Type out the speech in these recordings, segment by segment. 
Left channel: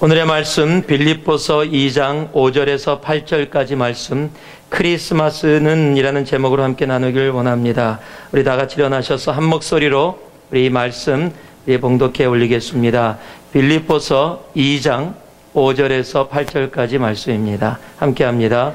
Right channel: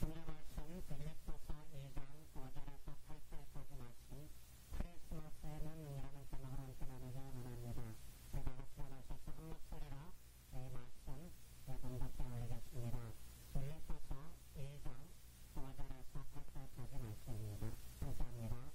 오늘의 말씀 빌립보서 2장 5절에서 8절까지 말씀 크리스마스는 이라는 제목으로 함께 나누길 원합니다. 우리 다 같이 일어나셔서 한 목소리로 우리 이 말씀 봉독해 올리겠습니다. 빌립보서 2장 5절에서 8절까지 말씀입니다. 함께 합니다.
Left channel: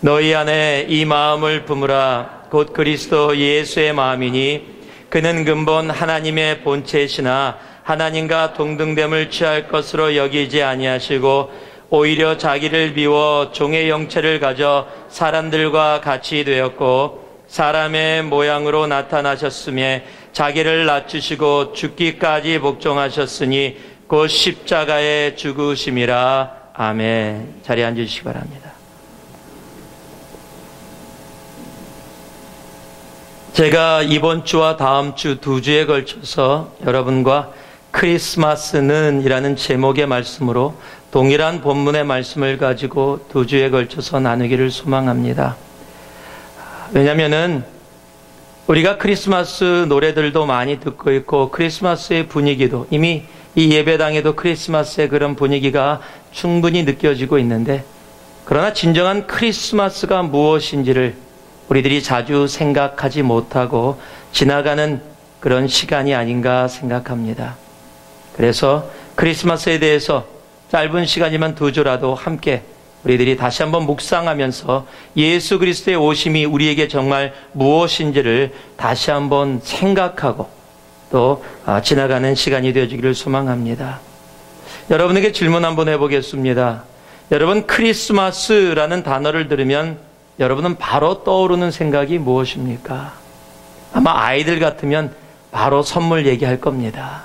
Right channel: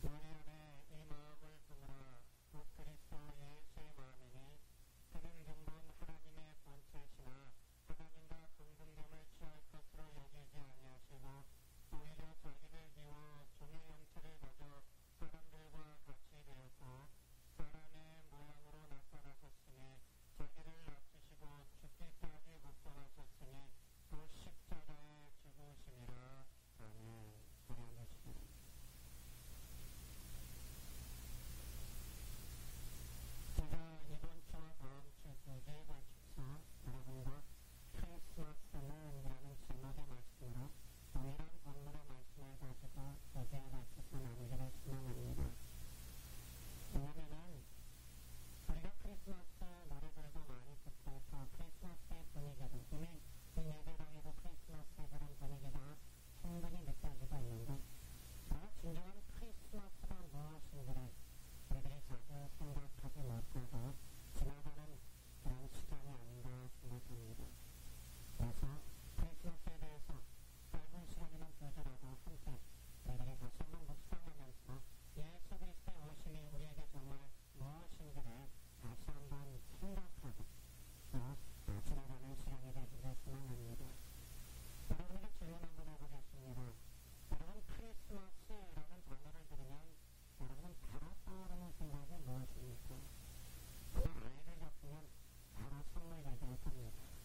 너희 안에 이 마음을 품으라. 곧 그리스도 예수의 마음이니 그는 근본 하나님의 본체시나 하나님과 동등됨을 취할 것으로 여기지 아니하시고 오히려 자기를 비워 종의 형체를 가져 사람들과 같이 되었고 사람의 모양으로 나타나셨으며 자기를 낮추시고 죽기까지 복종하셨으니 곧 십자가에 죽으심이라. 아멘. 자리에 앉으시기 바랍니다. 제가 이번 주와 다음 주 두 주에 걸쳐서 여러분과 크리스마스는 이라는 제목의 말씀으로 동일한 본문의 말씀을 가지고 두 주에 걸쳐서 나누기를 소망합니다. 왜냐하면은 우리가 크리스마스 노래들도 많이 듣고 있고 크리스마스의 분위기도 이미 이 예배당에도 크리스마스의 그런 분위기가 충분히 느껴지고 있는데, 그러나 진정한 크리스마스가 무엇인지를 우리들이 자주 생각하지 못하고 지나가는 그런 시간이 아닌가 생각합니다. 그래서 크리스마스에 대해서 짧은 시간이면 두 주라도 함께 우리들이 다시 한번 묵상하면서 예수 그리스도의 오심이 우리에게 정말 무엇인지를 다시 한번 생각하고 또 지나가는 시간이 되어주기를 소망합니다. 여러분에게 질문 한번 해보겠습니다. 여러분, 크리스마스라는 단어를 들으면 여러분은 바로 떠오르는 생각이 무엇입니까? 아마 아이들 같으면 바로 선물 얘기할 겁니다.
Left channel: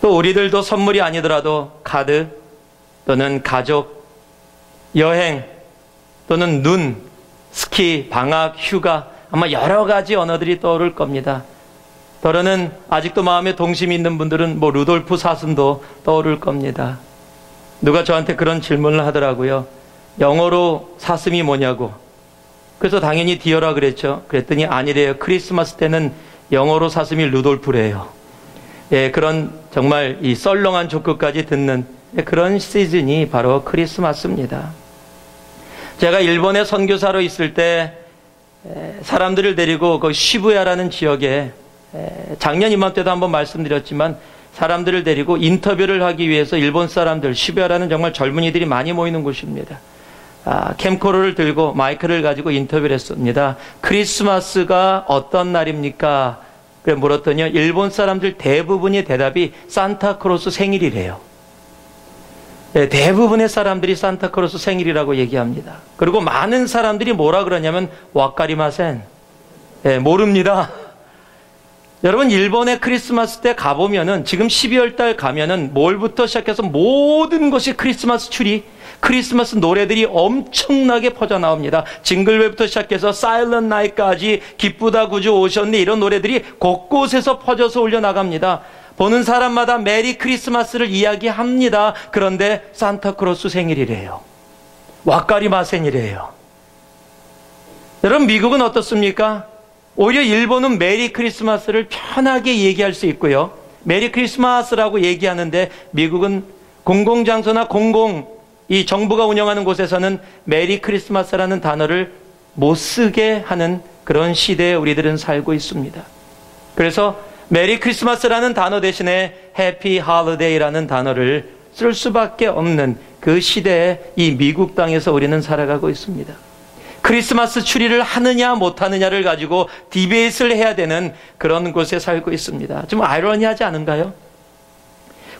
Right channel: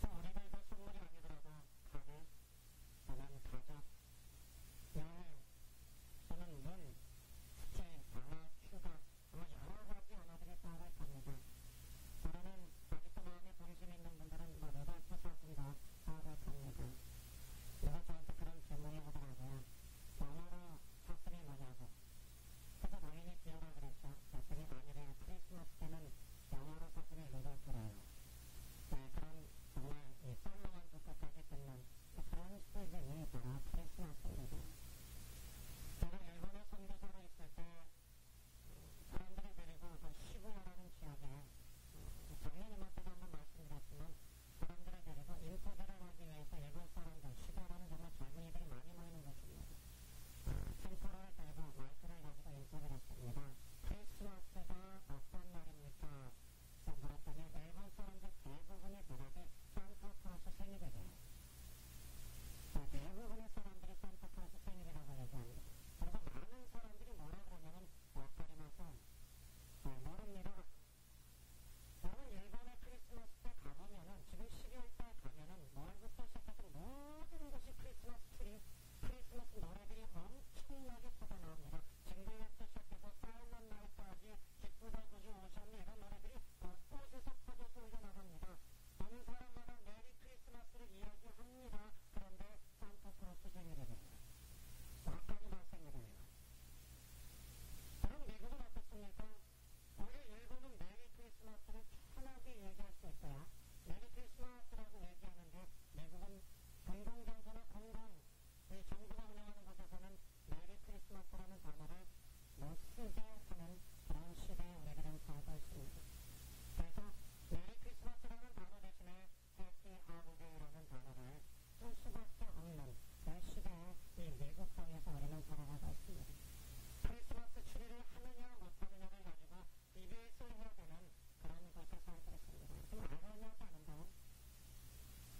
또 우리들도 선물이 아니더라도 카드 또는 가족, 여행 또는 눈, 스키, 방학, 휴가, 아마 여러 가지 언어들이 떠오를 겁니다. 더러는 아직도 마음에 동심이 있는 분들은 루돌프 사슴도 떠오를 겁니다. 누가 저한테 그런 질문을 하더라고요. 영어로 사슴이 뭐냐고. 그래서 당연히 디어라 그랬죠. 그랬더니 아니래요. 크리스마스 때는 영어로 사슴이 루돌프래요. 예, 그런 정말 이 썰렁한 조크까지 듣는 그런 시즌이 바로 크리스마스입니다. 제가 일본에 선교사로 있을 때 사람들을 데리고 그 시부야라는 지역에 작년 이맘때도 한번 말씀드렸지만 사람들을 데리고 인터뷰를 하기 위해서 일본 사람들, 시부야라는 정말 젊은이들이 많이 모이는 곳입니다. 캠코더를 들고 마이크를 가지고 인터뷰를 했습니다. 크리스마스가 어떤 날입니까? 그래 물었더니 일본 사람들 대부분의 대답이 산타크로스 생일이래요. 네, 대부분의 사람들이 산타크로스 생일이라고 얘기합니다. 그리고 많은 사람들이 뭐라 그러냐면 와카리마센. 네, 모릅니다. 여러분, 일본의 크리스마스 때 가보면은 지금 12월 달 가면은 몰부터 시작해서 모든 것이 크리스마스 추리, 크리스마스 노래들이 엄청나게 퍼져나옵니다. 징글벨부터 시작해서 사일런트 나잇까지 기쁘다 구주 오셨네 이런 노래들이 곳곳에서 퍼져서 올려나갑니다. 보는 사람마다 메리 크리스마스를 이야기합니다. 그런데 산타크로스 생일이래요. 와카리마센이래요. 여러분, 미국은 어떻습니까? 오히려 일본은 메리 크리스마스를 편하게 얘기할 수 있고요. 메리 크리스마스라고 얘기하는데 미국은 공공장소나 이 정부가 운영하는 곳에서는 메리 크리스마스라는 단어를 못 쓰게 하는 그런 시대에 우리들은 살고 있습니다. 그래서 메리 크리스마스라는 단어 대신에 해피 할리데이라는 단어를 쓸 수밖에 없는 그 시대에 이 미국 땅에서 우리는 살아가고 있습니다. 크리스마스 추리를 하느냐 못하느냐를 가지고 디베이트를 해야 되는 그런 곳에 살고 있습니다. 좀 아이러니하지 않은가요?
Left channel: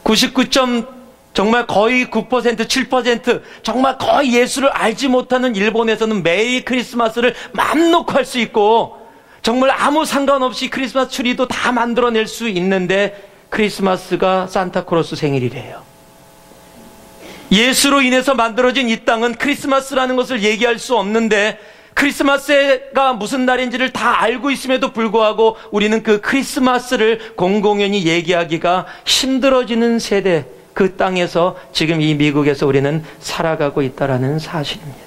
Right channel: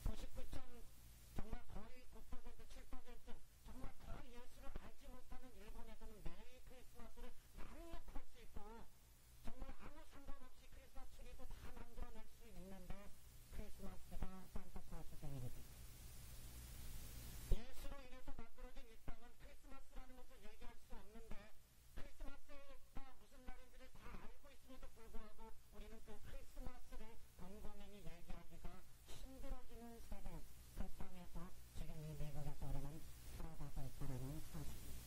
99. 정말 거의 9%, 7% 정말 거의 예수를 알지 못하는 일본에서는 매일 크리스마스를 맘 놓고 할 수 있고 정말 아무 상관없이 크리스마스 추리도 다 만들어낼 수 있는데 크리스마스가 산타크로스 생일이래요. 예수로 인해서 만들어진 이 땅은 크리스마스라는 것을 얘기할 수 없는데 크리스마스가 무슨 날인지를 다 알고 있음에도 불구하고 우리는 그 크리스마스를 공공연히 얘기하기가 힘들어지는 세대, 그 땅에서 지금 이 미국에서 우리는 살아가고 있다는 사실입니다.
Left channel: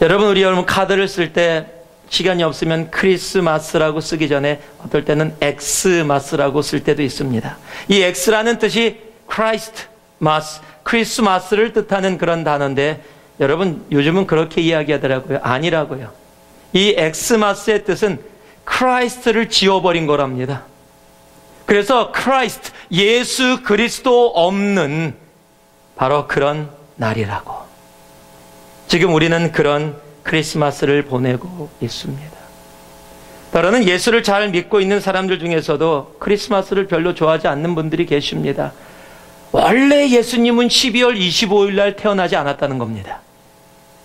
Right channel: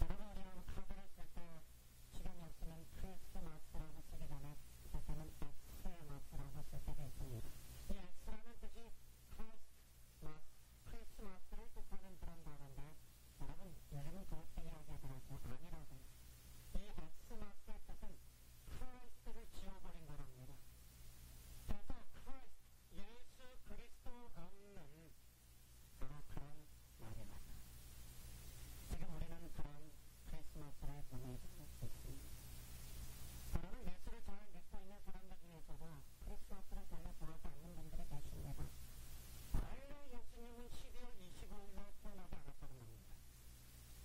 여러분, 우리 카드를 쓸 때 시간이 없으면 크리스마스라고 쓰기 전에 어떨 때는 엑스마스라고 쓸 때도 있습니다. 이 엑스라는 뜻이 크라이스트마스, 크리스마스를 뜻하는 그런 단어인데 여러분 요즘은 그렇게 이야기하더라고요. 아니라고요. 이 엑스마스의 뜻은 크라이스트를 지워버린 거랍니다. 그래서 크라이스트, 예수 그리스도 없는 바로 그런 날이라고. 지금 우리는 그런 크리스마스를 보내고 있습니다. 따라는 예수를 잘 믿고 있는 사람들 중에서도 크리스마스를 별로 좋아하지 않는 분들이 계십니다. 원래 예수님은 12월 25일 날 태어나지 않았다는 겁니다.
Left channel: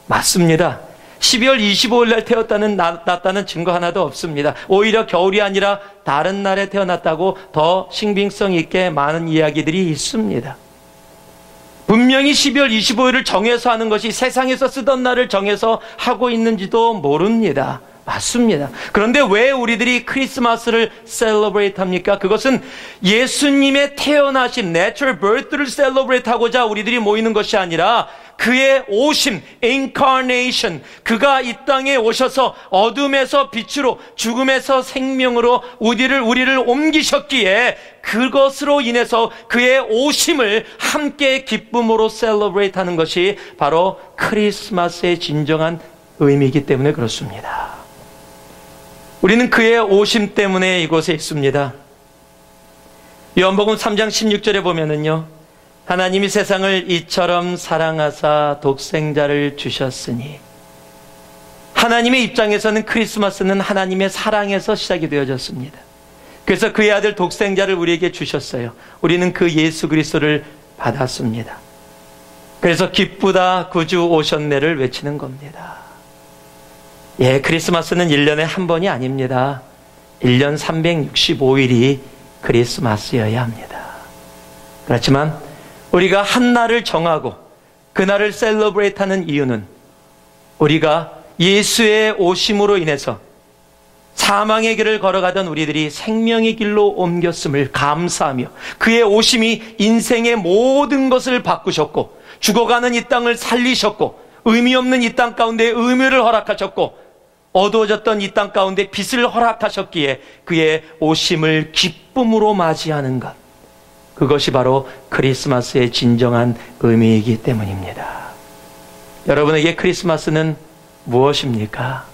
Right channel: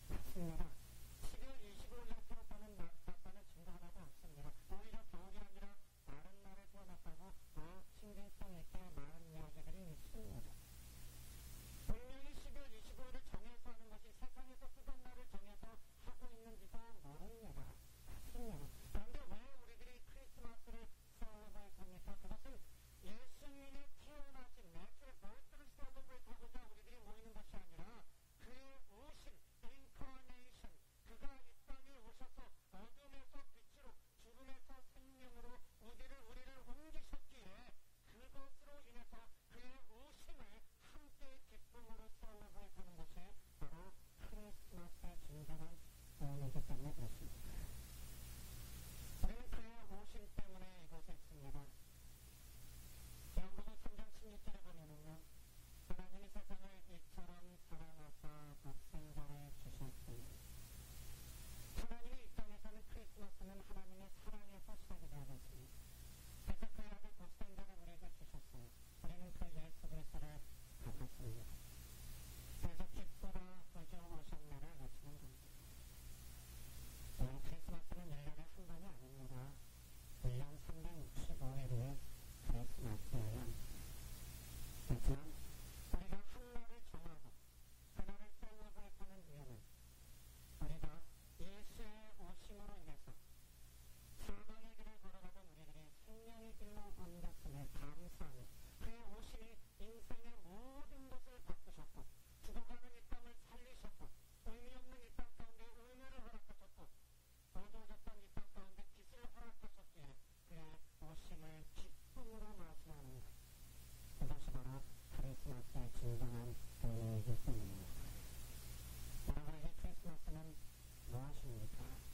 맞습니다. 12월 25일 날 태어났다는 증거 하나도 없습니다. 오히려 겨울이 아니라 다른 날에 태어났다고 더 신빙성 있게 많은 이야기들이 있습니다. 분명히 12월 25일을 정해서 하는 것이 세상에서 쓰던 날을 정해서 하고 있는지도 모릅니다. 맞습니다. 그런데 왜 우리들이 크리스마스를 셀러브레이트 합니까? 그것은 예수님의 태어나신 natural birth를 셀러브레이트 하고자 우리들이 모이는 것이 아니라 그의 오심, incarnation, 그가 이 땅에 오셔서 어둠에서 빛으로 죽음에서 생명으로 우리를 옮기셨기에 그것으로 인해서 그의 오심을 함께 기쁨으로 셀러브레이트 하는 것이 바로 크리스마스의 진정한 의미이기 때문에 그렇습니다. 우리는 그의 오심 때문에 이곳에 있습니다. 요한복음 3장 16절에 보면은요, 하나님이 세상을 이처럼 사랑하사 독생자를 주셨으니, 하나님의 입장에서는 크리스마스는 하나님의 사랑에서 시작이 되어졌습니다. 그래서 그의 아들 독생자를 우리에게 주셨어요. 우리는 그 예수 그리스도를 받았습니다. 그래서 기쁘다 구주 오셨네를 외치는 겁니다. 예, 크리스마스는 1년에 한 번이 아닙니다. 1년 365일이 크리스마스여야 합니다. 그렇지만 우리가 한 날을 정하고 그날을 셀러브레이트 하는 이유는 우리가 예수의 오심으로 인해서 사망의 길을 걸어가던 우리들이 생명의 길로 옮겼음을 감사하며 그의 오심이 인생의 모든 것을 바꾸셨고 죽어가는 이 땅을 살리셨고 의미 없는 이 땅 가운데 의미를 허락하셨고 어두워졌던 이 땅 가운데 빛을 허락하셨기에 그의 오심을 기쁨으로 맞이하는 것, 그것이 바로 크리스마스의 진정한 의미이기 때문입니다. 여러분에게 크리스마스는 무엇입니까?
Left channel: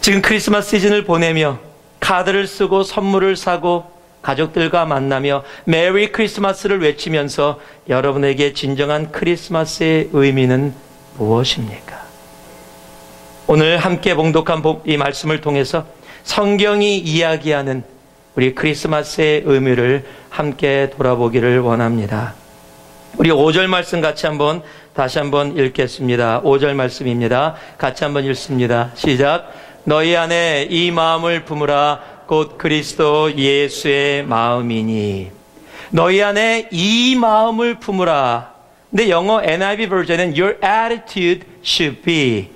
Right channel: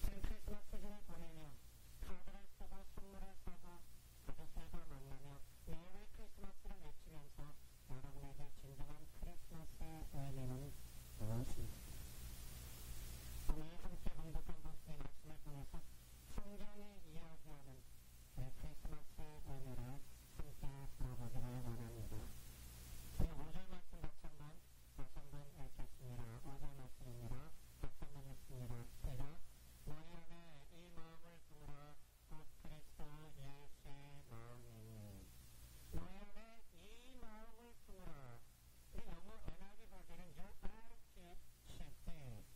지금 크리스마스 시즌을 보내며 카드를 쓰고 선물을 사고 가족들과 만나며 메리 크리스마스를 외치면서 여러분에게 진정한 크리스마스의 의미는 무엇입니까? 오늘 함께 봉독한 이 말씀을 통해서 성경이 이야기하는 우리 크리스마스의 의미를 함께 돌아보기를 원합니다. 우리 5절 말씀 다시 한번 읽겠습니다. 5절 말씀입니다. 같이 한번 읽습니다. 시작. 너희 안에 이 마음을 품으라. 곧 그리스도 예수의 마음이니. 너희 안에 이 마음을 품으라. 근데 영어 NIV 버전은 your attitude should be.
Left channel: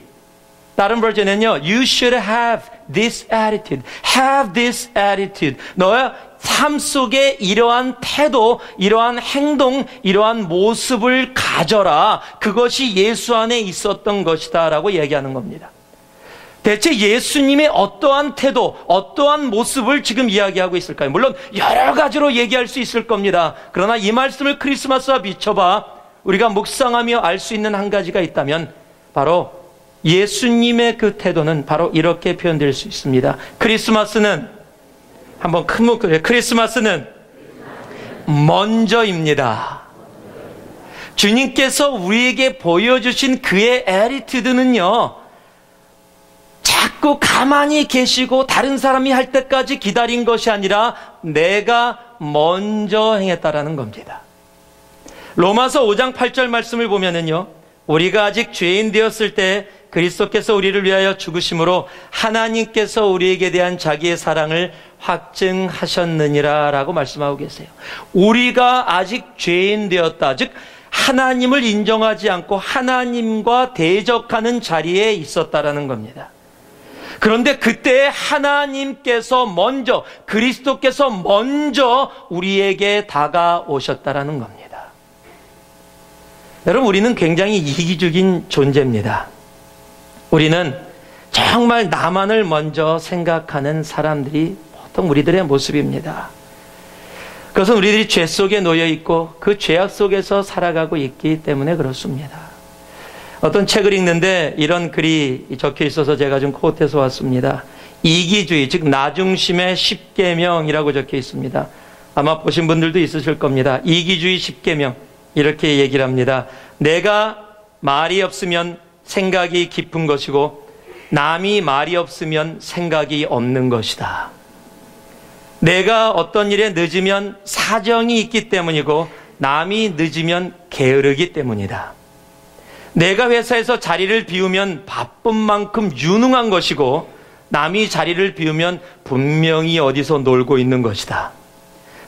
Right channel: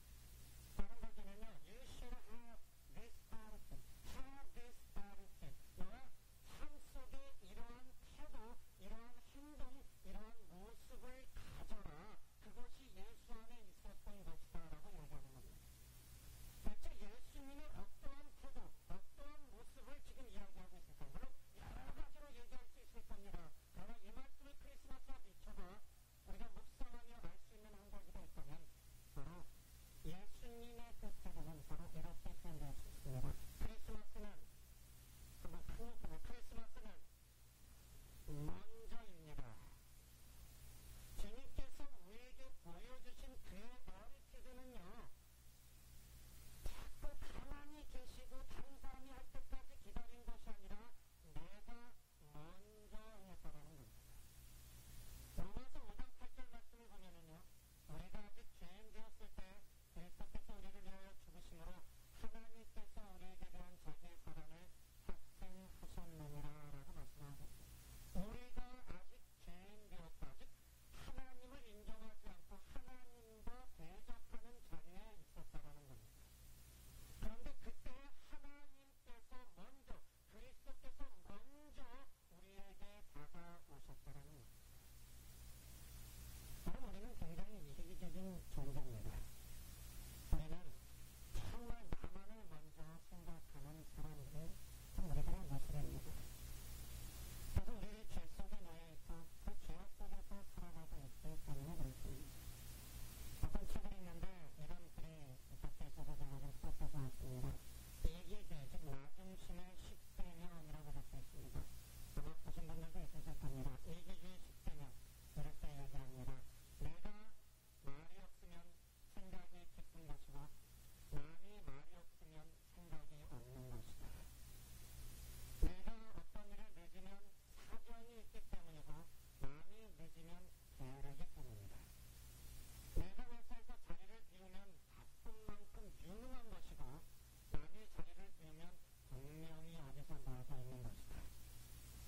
다른 버전은요, you should have this attitude. have this attitude. 너의 삶 속에 이러한 태도, 이러한 행동, 이러한 모습을 가져라. 그것이 예수 안에 있었던 것이다 라고 얘기하는 겁니다. 대체 예수님의 어떠한 태도, 어떠한 모습을 지금 이야기하고 있을까요? 물론 여러 가지로 얘기할 수 있을 겁니다. 그러나 이 말씀을 크리스마스와 비춰봐 우리가 묵상하며 알 수 있는 한 가지가 있다면 바로 예수님의 그 태도는 바로 이렇게 표현될 수 있습니다. 크리스마스는 한번 큰 목소리로 크리스마스는 먼저입니다. 주님께서 우리에게 보여주신 그의 애티튜드는요, 자꾸 가만히 계시고 다른 사람이 할 때까지 기다린 것이 아니라 내가 먼저 행했다라는 겁니다. 로마서 5장 8절 말씀을 보면은요, 우리가 아직 죄인 되었을 때 그리스도께서 우리를 위하여 죽으심으로 하나님께서 우리에게 대한 자기의 사랑을 확증하셨느니라 라고 말씀하고 계세요. 우리가 아직 죄인 되었다, 즉 하나님을 인정하지 않고 하나님과 대적하는 자리에 있었다라는 겁니다. 그런데 그때 하나님께서 먼저, 그리스도께서 먼저 우리에게 다가오셨다라는 겁니다. 여러분, 우리는 굉장히 이기적인 존재입니다. 우리는 정말 나만을 먼저 생각하는 사람들이 보통 우리들의 모습입니다. 그것은 우리들이 죄 속에 놓여 있고 그 죄악 속에서 살아가고 있기 때문에 그렇습니다. 어떤 책을 읽는데 이런 글이 적혀 있어서 제가 좀 코트해서 왔습니다. 이기주의, 즉 나중심의 10계명이라고 적혀 있습니다. 아마 보신 분들도 있으실 겁니다. 이기주의 10계명, 이렇게 얘기를 합니다. 내가 말이 없으면 생각이 깊은 것이고 남이 말이 없으면 생각이 없는 것이다. 내가 어떤 일에 늦으면 사정이 있기 때문이고 남이 늦으면 게으르기 때문이다. 내가 회사에서 자리를 비우면 바쁜 만큼 유능한 것이고 남이 자리를 비우면 분명히 어디서 놀고 있는 것이다.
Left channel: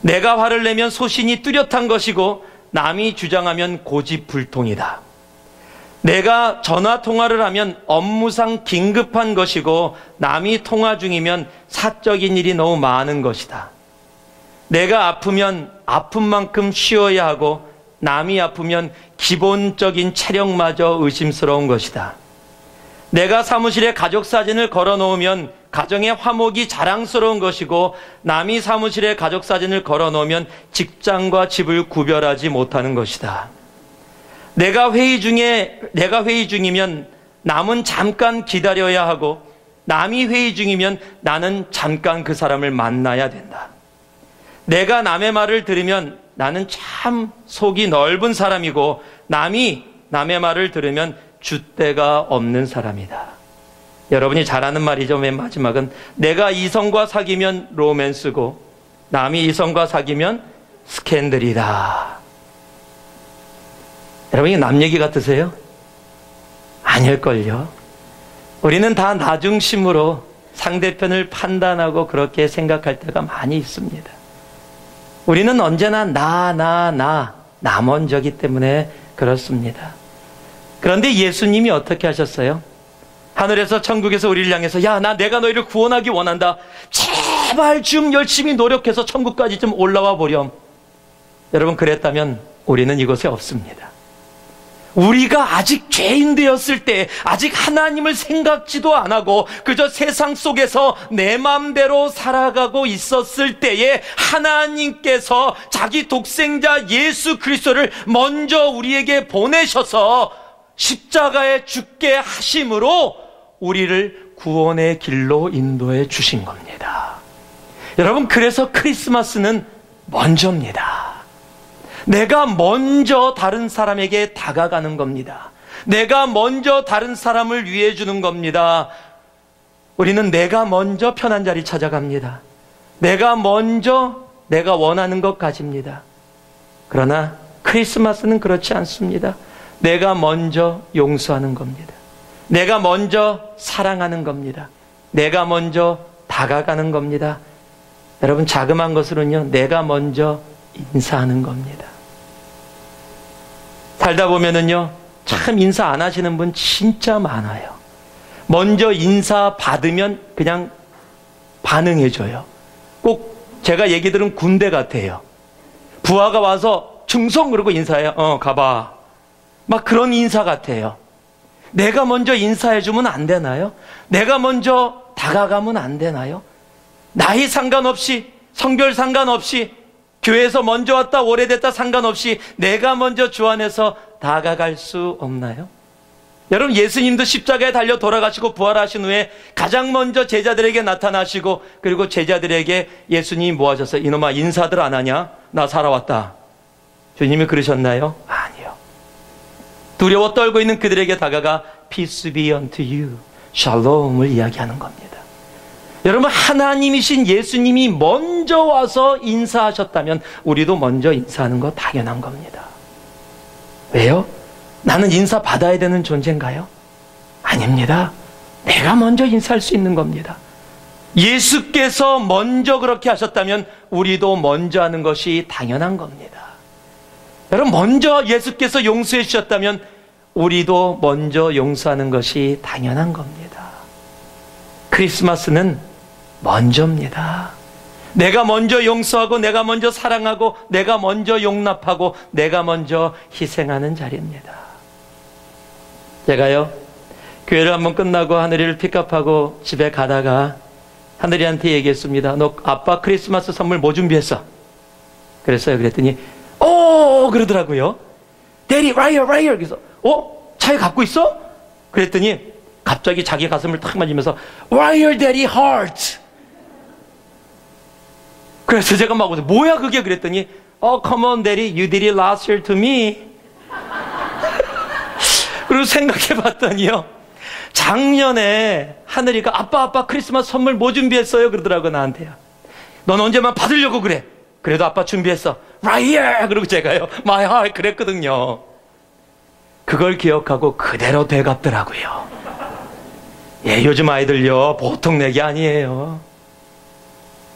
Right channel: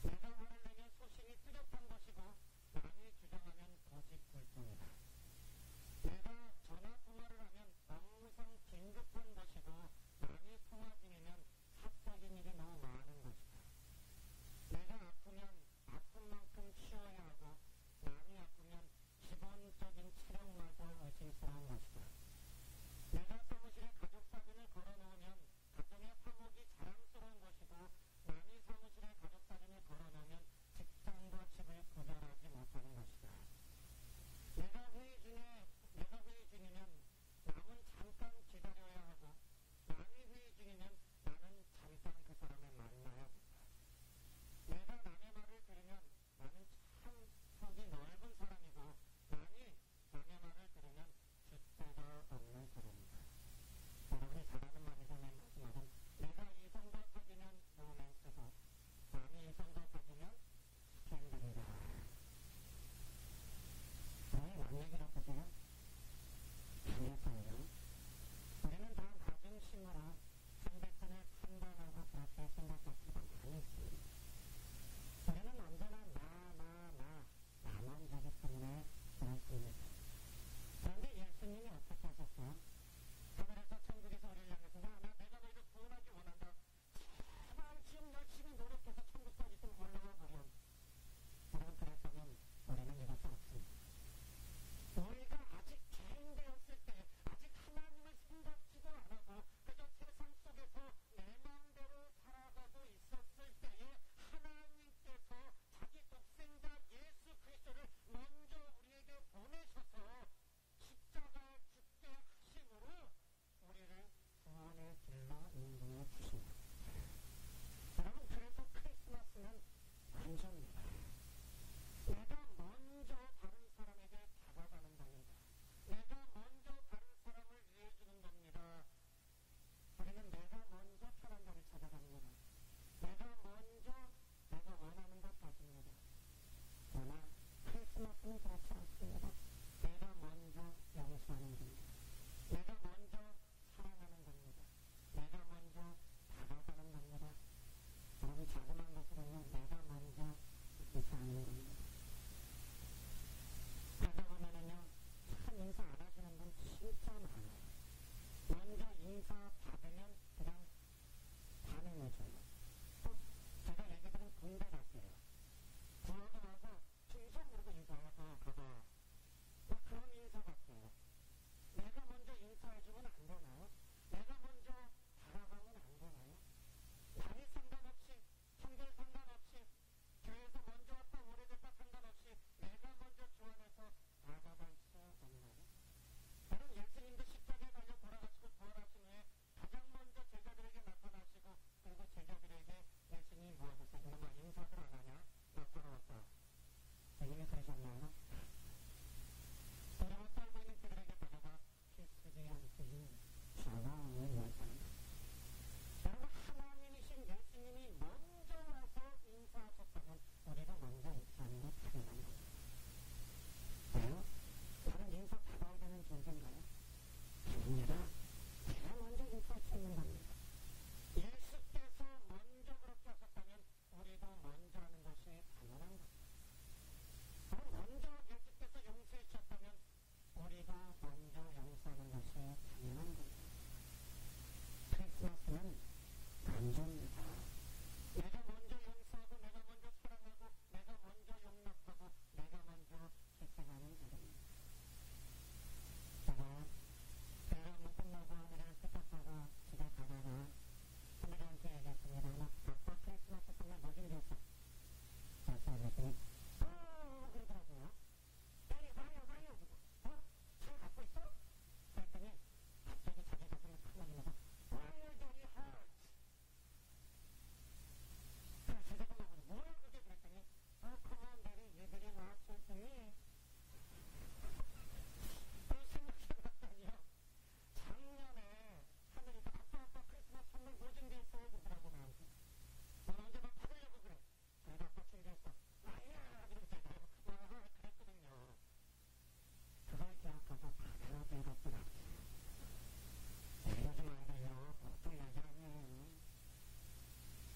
내가 화를 내면 소신이 뚜렷한 것이고 남이 주장하면 고집불통이다. 내가 전화 통화를 하면 업무상 긴급한 것이고 남이 통화 중이면 사적인 일이 너무 많은 것이다. 내가 아프면 아픈 만큼 쉬어야 하고 남이 아프면 기본적인 체력마저 의심스러운 것이다. 내가 사무실에 가족 사진을 걸어 놓으면 가정의 화목이 자랑스러운 것이고 남이 사무실에 가족 사진을 걸어 놓으면 직장과 집을 구별하지 못하는 것이다. 내가 회의 중이면 남은 잠깐 기다려야 하고 남이 회의 중이면 나는 잠깐 그 사람을 만나야 된다. 내가 남의 말을 들으면 나는 참 속이 넓은 사람이고 남이 남의 말을 들으면 줏대가 없는 사람이다. 여러분이 잘 아는 말이죠. 맨 마지막은 내가 이성과 사귀면 로맨스고 남이 이성과 사귀면 스캔들이다. 여러분, 이게 남 얘기 같으세요? 아닐걸요. 우리는 다 나중심으로 상대편을 판단하고 그렇게 생각할 때가 많이 있습니다. 우리는 언제나 나 먼저기 때문에 그렇습니다. 그런데 예수님이 어떻게 하셨어요? 하늘에서 천국에서 우리를 향해서 야, 내가 너희를 구원하기 원한다. 제발 좀 열심히 노력해서 천국까지 좀 올라와 보렴. 여러분, 그랬다면 우리는 이곳에 없습니다. 우리가 아직 죄인 되었을 때, 아직 하나님을 생각지도 안 하고 그저 세상 속에서 내 마음대로 살아가고 있었을 때에 하나님께서 자기 독생자 예수 그리스도를 먼저 우리에게 보내셔서 십자가에 죽게 하심으로 우리를 구원의 길로 인도해 주신 겁니다. 여러분, 그래서 크리스마스는 먼저입니다. 내가 먼저 다른 사람에게 다가가는 겁니다. 내가 먼저 다른 사람을 위해 주는 겁니다. 우리는 내가 먼저 편한 자리 찾아갑니다. 내가 먼저 내가 원하는 것 가집니다. 그러나 크리스마스는 그렇지 않습니다. 내가 먼저 용서하는 겁니다. 내가 먼저 사랑하는 겁니다. 내가 먼저 다가가는 겁니다. 여러분, 자그마한 것으로는요, 내가 먼저 인사하는 겁니다. 살다 보면은요, 참 인사 안 하시는 분 진짜 많아요. 먼저 인사 받으면 그냥 반응해줘요. 꼭 제가 얘기 들은 군대 같아요. 부하가 와서 충성 그러고 인사해요. 가봐. 막 그런 인사 같아요. 내가 먼저 인사해주면 안 되나요? 내가 먼저 다가가면 안 되나요? 나이 상관없이, 성별 상관없이, 교회에서 먼저 왔다 오래됐다 상관없이 내가 먼저 주 안에서 다가갈 수 없나요? 여러분, 예수님도 십자가에 달려 돌아가시고 부활하신 후에 가장 먼저 제자들에게 나타나시고, 그리고 제자들에게 예수님이 뭐 하셨어요? 이놈아, 인사들 안 하냐? 나 살아왔다. 주님이 그러셨나요? 아니요. 두려워 떨고 있는 그들에게 다가가 Peace be unto you, 샬롬을 이야기하는 겁니다. 여러분, 하나님이신 예수님이 먼저 와서 인사하셨다면 우리도 먼저 인사하는 거 당연한 겁니다. 왜요? 나는 인사 받아야 되는 존재인가요? 아닙니다. 내가 먼저 인사할 수 있는 겁니다. 예수께서 먼저 그렇게 하셨다면 우리도 먼저 하는 것이 당연한 겁니다. 여러분, 먼저 예수께서 용서해 주셨다면 우리도 먼저 용서하는 것이 당연한 겁니다. 크리스마스는 먼저입니다. 내가 먼저 용서하고, 내가 먼저 사랑하고, 내가 먼저 용납하고, 내가 먼저 희생하는 자리입니다. 제가요, 교회를 한번 끝나고 하늘이를 픽업하고 집에 가다가 하늘이한테 얘기했습니다. 너 아빠 크리스마스 선물 뭐 준비했어? 그랬어요. 그랬더니 그러더라고요. Daddy, right here, right here. 그래서 차에 갖고 있어? 그랬더니 갑자기 자기 가슴을 탁 만지면서 Right here, Daddy, heart. 그래서 제가 막 뭐야 그게? 그랬더니 come on, Daddy, you did it last year to me. 그리고 생각해 봤더니요, 작년에 하늘이가 아빠 크리스마스 선물 뭐 준비했어요? 그러더라고 나한테요. 넌 언제만 받으려고 그래? 그래도 아빠 준비했어. Right here. 그리고 제가요, my heart 그랬거든요. 그걸 기억하고 그대로 되갚더라고요. 예, 요즘 아이들요 보통 내기 아니에요.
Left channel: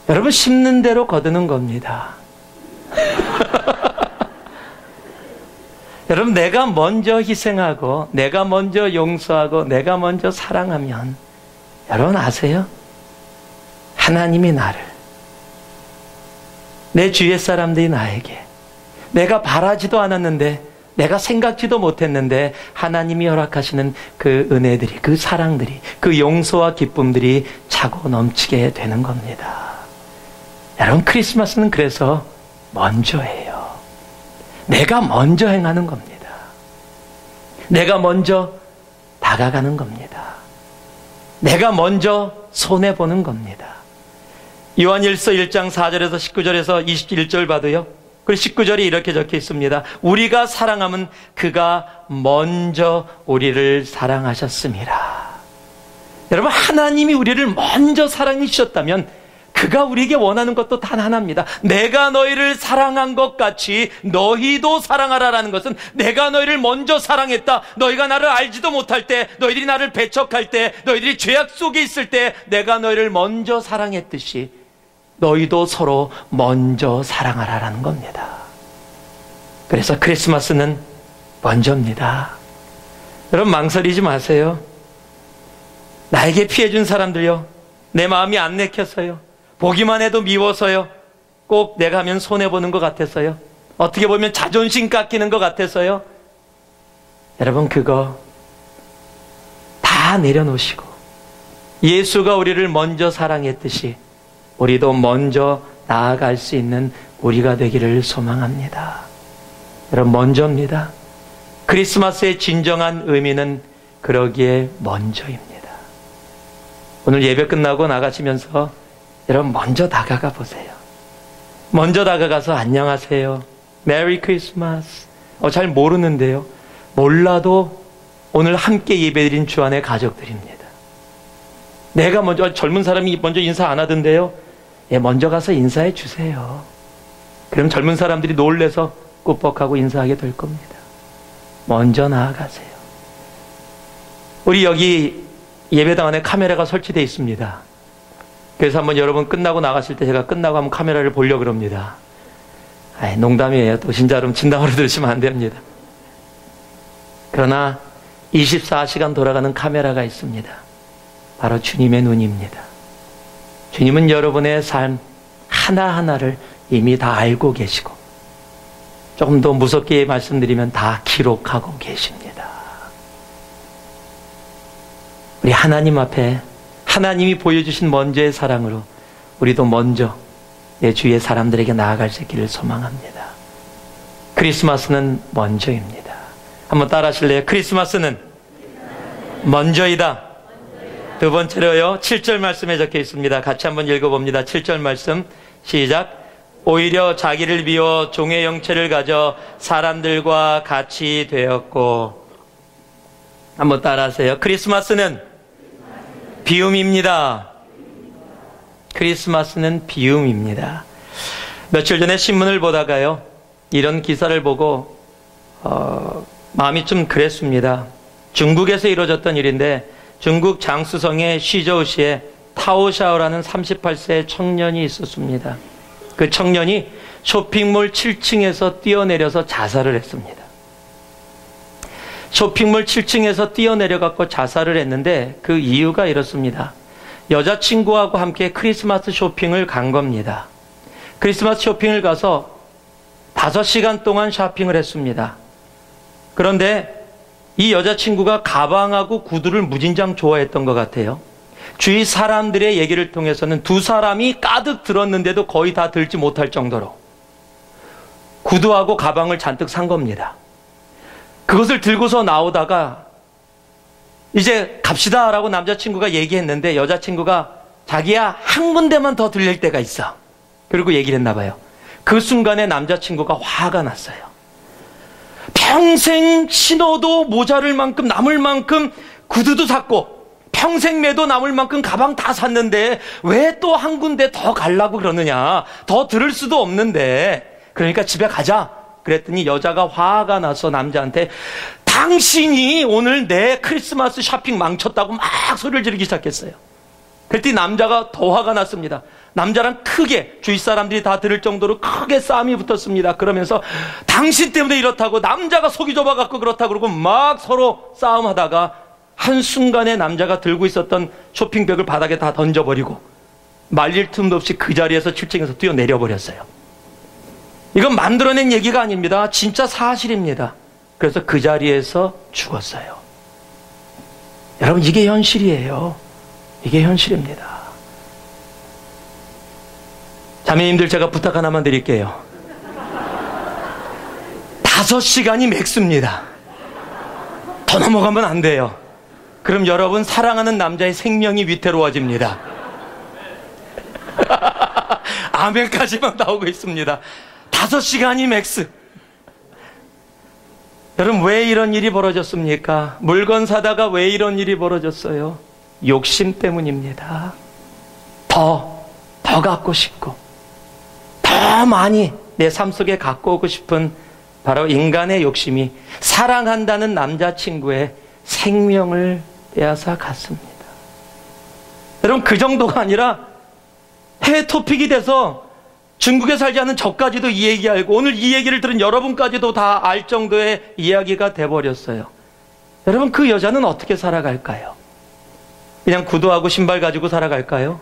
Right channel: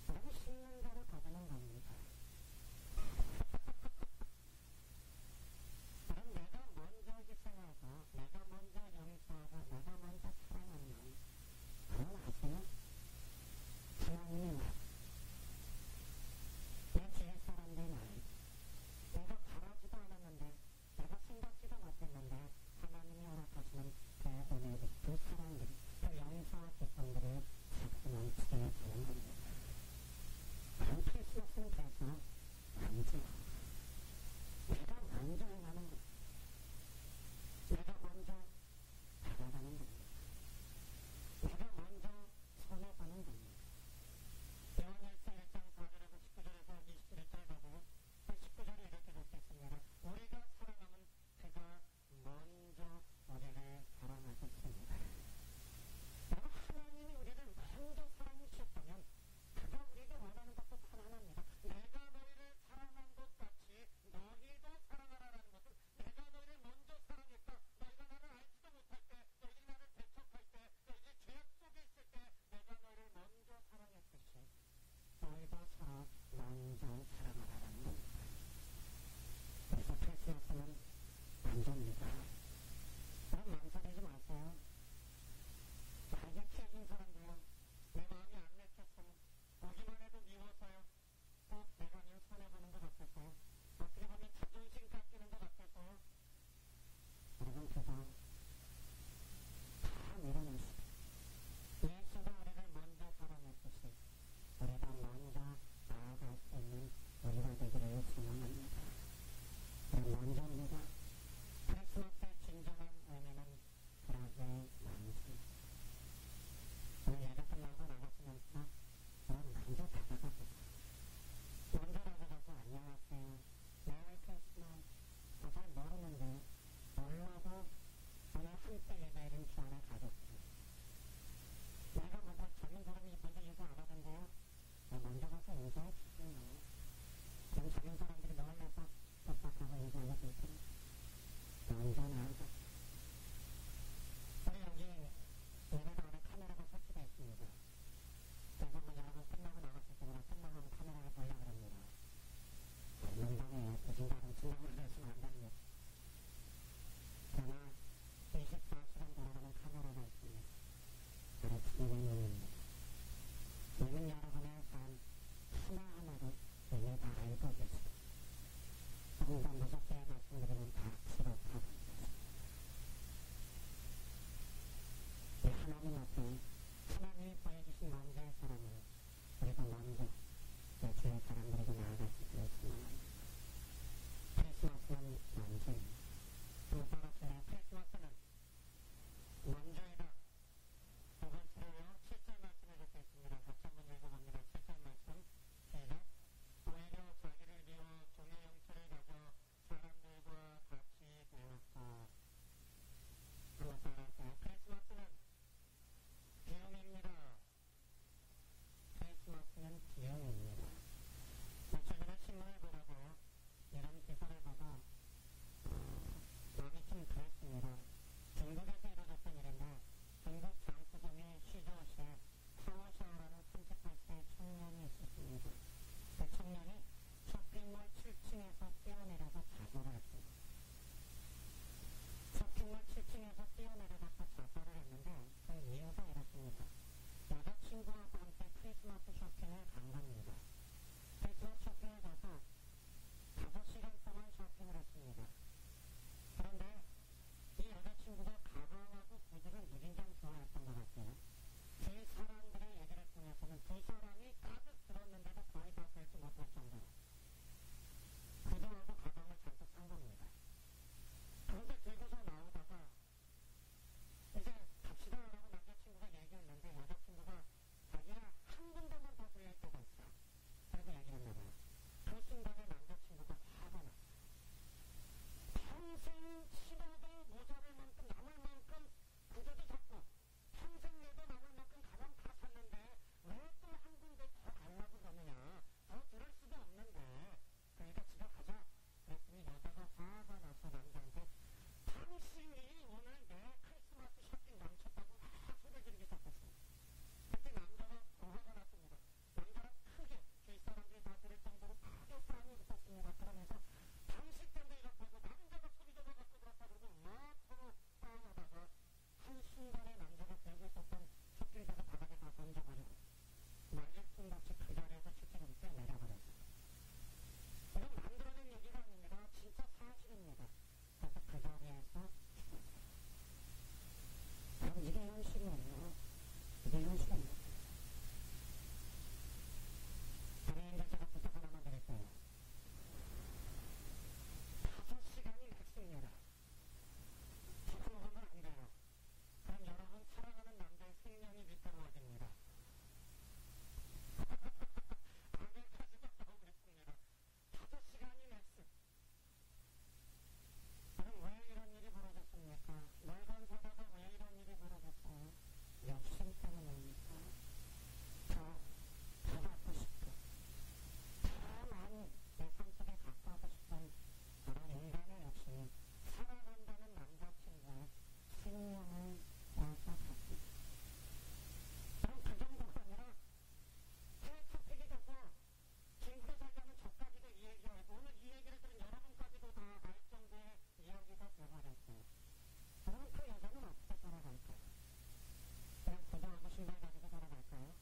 여러분, 심는 대로 거두는 겁니다. 여러분, 내가 먼저 희생하고 내가 먼저 용서하고 내가 먼저 사랑하면, 여러분 아세요? 하나님이 나를, 내 주위의 사람들이 나에게, 내가 바라지도 않았는데, 내가 생각지도 못했는데 하나님이 허락하시는 그 은혜들이, 그 사랑들이, 그 용서와 기쁨들이 차고 넘치게 되는 겁니다. 여러분, 크리스마스는 그래서 먼저예요. 내가 먼저 행하는 겁니다. 내가 먼저 다가가는 겁니다. 내가 먼저 손해보는 겁니다. 요한일서 1장 4절에서 19절에서 21절 봐도요, 그리고 19절이 이렇게 적혀 있습니다. 우리가 사랑하면 그가 먼저 우리를 사랑하셨습니다. 여러분, 하나님이 우리를 먼저 사랑해 주셨다면 그가 우리에게 원하는 것도 단 하나입니다. 내가 너희를 사랑한 것 같이 너희도 사랑하라라는 것은, 내가 너희를 먼저 사랑했다. 너희가 나를 알지도 못할 때, 너희들이 나를 배척할 때, 너희들이 죄악 속에 있을 때 내가 너희를 먼저 사랑했듯이 너희도 서로 먼저 사랑하라라는 겁니다. 그래서 크리스마스는 먼저입니다. 여러분, 망설이지 마세요. 나에게 피해준 사람들요, 내 마음이 안 내켰어요. 보기만 해도 미워서요. 꼭 내가 하면 손해보는 것 같아서요. 어떻게 보면 자존심 깎이는 것 같아서요. 여러분, 그거 다 내려놓으시고 예수가 우리를 먼저 사랑했듯이 우리도 먼저 나아갈 수 있는 우리가 되기를 소망합니다. 여러분, 먼저입니다. 크리스마스의 진정한 의미는 그러기에 먼저입니다. 오늘 예배 끝나고 나가시면서 여러분, 먼저 다가가 보세요. 먼저 다가가서 안녕하세요, 메리 크리스마스. 잘 모르는데요, 몰라도 오늘 함께 예배드린 주 안의 가족들입니다. 내가 먼저, 젊은 사람이 먼저 인사 안 하던데요, 먼저 가서 인사해 주세요. 그럼 젊은 사람들이 놀래서 꾸벅하고 인사하게 될 겁니다. 먼저 나아가세요. 우리 여기 예배당 안에 카메라가 설치되어 있습니다. 그래서 한번 여러분 끝나고 나가실 때 제가 끝나고 한번 카메라를 보려고 그럽니다. 농담이에요. 또 진짜로 진담으로 들으시면 안 됩니다. 그러나 24시간 돌아가는 카메라가 있습니다. 바로 주님의 눈입니다. 주님은 여러분의 삶 하나하나를 이미 다 알고 계시고, 조금 더 무섭게 말씀드리면 다 기록하고 계십니다. 우리 하나님 앞에, 하나님이 보여주신 먼저의 사랑으로 우리도 먼저 내 주위의 사람들에게 나아갈 수 있기를 소망합니다. 크리스마스는 먼저입니다. 한번 따라 하실래요? 크리스마스는 먼저이다. 두 번째로요, 7절 말씀에 적혀 있습니다. 같이 한번 읽어봅니다. 7절 말씀 시작. 오히려 자기를 비워 종의 형체를 가져 사람들과 같이 되었고. 한번 따라 하세요. 크리스마스는 비움입니다. 크리스마스는 비움입니다. 며칠 전에 신문을 보다가요, 이런 기사를 보고 마음이 좀 그랬습니다. 중국에서 이루어졌던 일인데, 중국 장쑤성의 시저우시에 타오샤오라는 38세 청년이 있었습니다. 그 청년이 쇼핑몰 7층에서 뛰어내려서 자살을 했습니다. 쇼핑몰 7층에서 뛰어내려갖고 자살을 했는데, 그 이유가 이렇습니다. 여자친구하고 함께 크리스마스 쇼핑을 간 겁니다. 크리스마스 쇼핑을 가서 5시간 동안 쇼핑을 했습니다. 그런데 이 여자친구가 가방하고 구두를 무진장 좋아했던 것 같아요. 주위 사람들의 얘기를 통해서는 두 사람이 가득 들었는데도 거의 다 들지 못할 정도로 구두하고 가방을 잔뜩 산 겁니다. 그것을 들고서 나오다가 이제 갑시다라고 남자친구가 얘기했는데 여자친구가 자기야 한 군데만 더 들릴 때가 있어. 그리고 얘기를 했나 봐요. 그 순간에 남자친구가 화가 났어요. 평생 신어도 모자랄 만큼 남을 만큼 구두도 샀고 평생 매도 남을 만큼 가방 다 샀는데 왜 또 한 군데 더 가려고 그러느냐. 더 들을 수도 없는데 그러니까 집에 가자. 그랬더니 여자가 화가 나서 남자한테 당신이 오늘 내 크리스마스 쇼핑 망쳤다고 막 소리를 지르기 시작했어요. 그랬더니 남자가 더 화가 났습니다. 남자랑 크게 주위 사람들이 다 들을 정도로 크게 싸움이 붙었습니다. 그러면서 당신 때문에 이렇다고 남자가 속이 좁아갖고 그렇다고 그러고 막 서로 싸움하다가 한순간에 남자가 들고 있었던 쇼핑백을 바닥에 다 던져버리고 말릴 틈도 없이 그 자리에서 7층에서 뛰어내려버렸어요. 이건 만들어낸 얘기가 아닙니다. 진짜 사실입니다. 그래서 그 자리에서 죽었어요. 여러분 이게 현실이에요. 이게 현실입니다. 자매님들 제가 부탁 하나만 드릴게요. 5시간이 맥스입니다. 더 넘어가면 안 돼요. 그럼 여러분 사랑하는 남자의 생명이 위태로워집니다. 아멘까지만 나오고 있습니다. 5시간이 맥스. 여러분 왜 이런 일이 벌어졌습니까? 물건 사다가 왜 이런 일이 벌어졌어요? 욕심 때문입니다. 더 갖고 싶고 더 많이 내 삶 속에 갖고 오고 싶은 바로 인간의 욕심이 사랑한다는 남자친구의 생명을 빼앗아 갔습니다. 여러분 그 정도가 아니라 해외 토픽이 돼서 중국에 살지 않은 저까지도 이 얘기 알고 오늘 이 얘기를 들은 여러분까지도 다 알 정도의 이야기가 돼버렸어요. 여러분 그 여자는 어떻게 살아갈까요? 그냥 구두하고 신발 가지고 살아갈까요?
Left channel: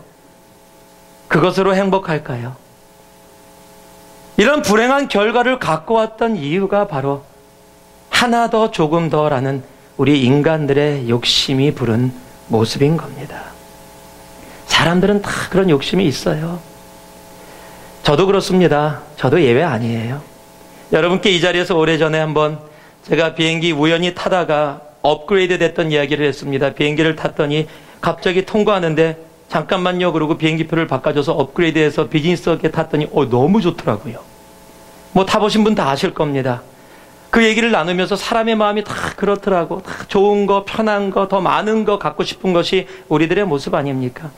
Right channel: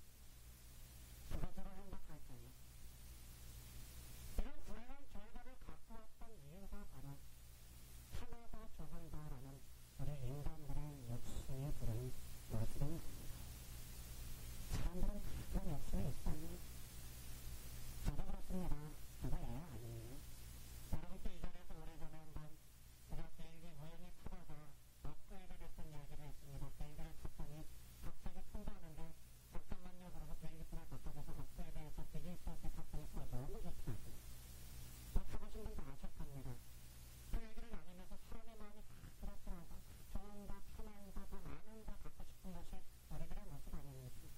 그것으로 행복할까요? 이런 불행한 결과를 갖고 왔던 이유가 바로 하나 더 조금 더라는 우리 인간들의 욕심이 부른 모습인 겁니다. 사람들은 다 그런 욕심이 있어요. 저도 그렇습니다. 저도 예외 아니에요. 여러분께 이 자리에서 오래전에 한번 제가 비행기 우연히 타다가 업그레이드 됐던 이야기를 했습니다. 비행기를 탔더니 갑자기 통과하는데 잠깐만요 그러고 비행기표를 바꿔줘서 업그레이드해서 비즈니스석에 탔더니 너무 좋더라고요. 뭐 타보신 분 다 아실 겁니다. 그 얘기를 나누면서 사람의 마음이 다 그렇더라고. 다 좋은 거, 편한 거, 더 많은 거 갖고 싶은 것이 우리들의 모습 아닙니까?